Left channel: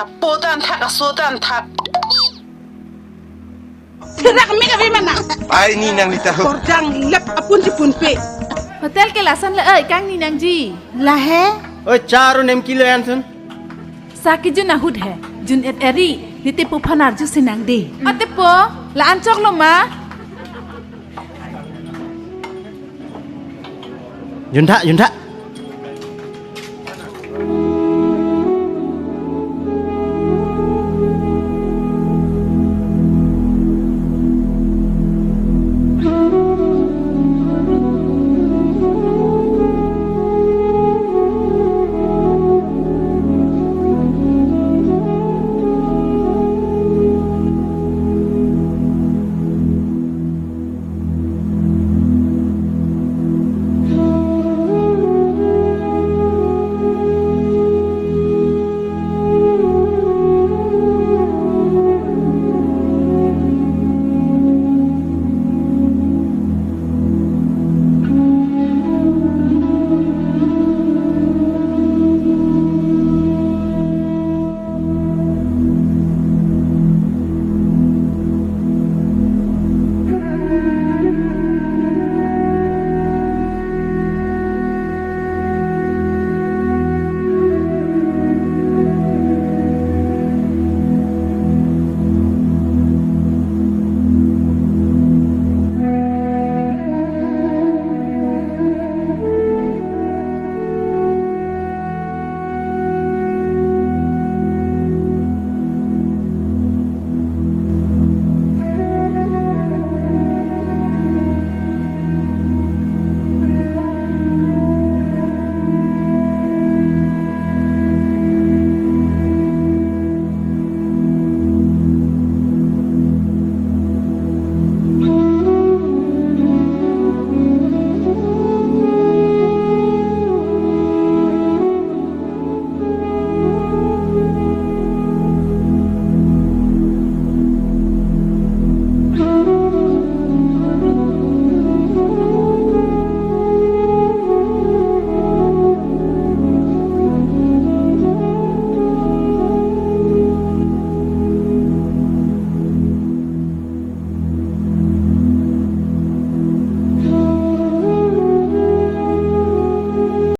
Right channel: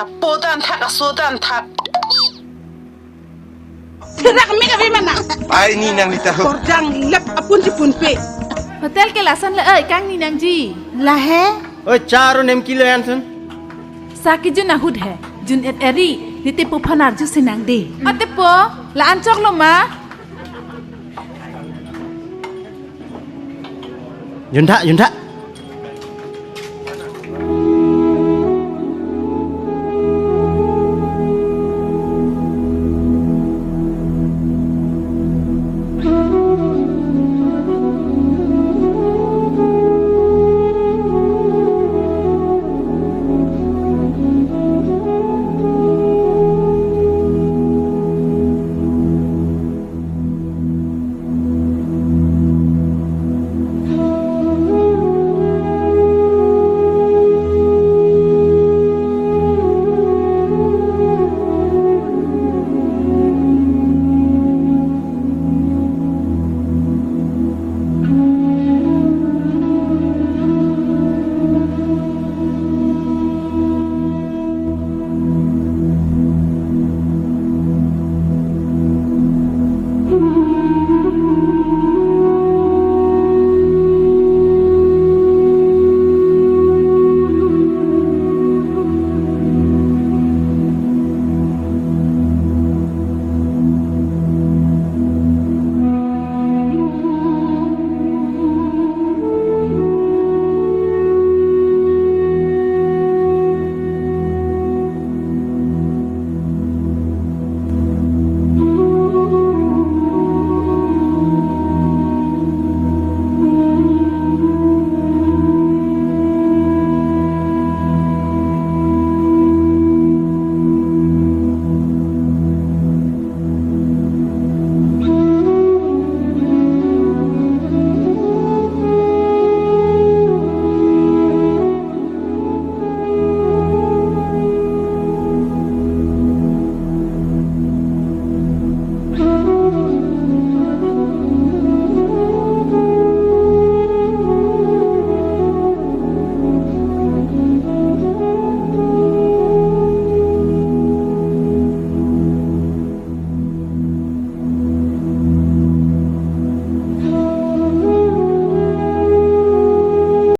Apo tan thak aso tan thak. Tidak kami kami mana? Ai ni nang ni tahu. Kordang lep apun si punpe. Hotel ke lasan le kang ni nang ji. Lahe? Oi, 4 kilo yan sun. Saki jun ahud hai. Jun et eri. Niti pu panar ju sinang de. Ate po. La ancok lo ma. Junta.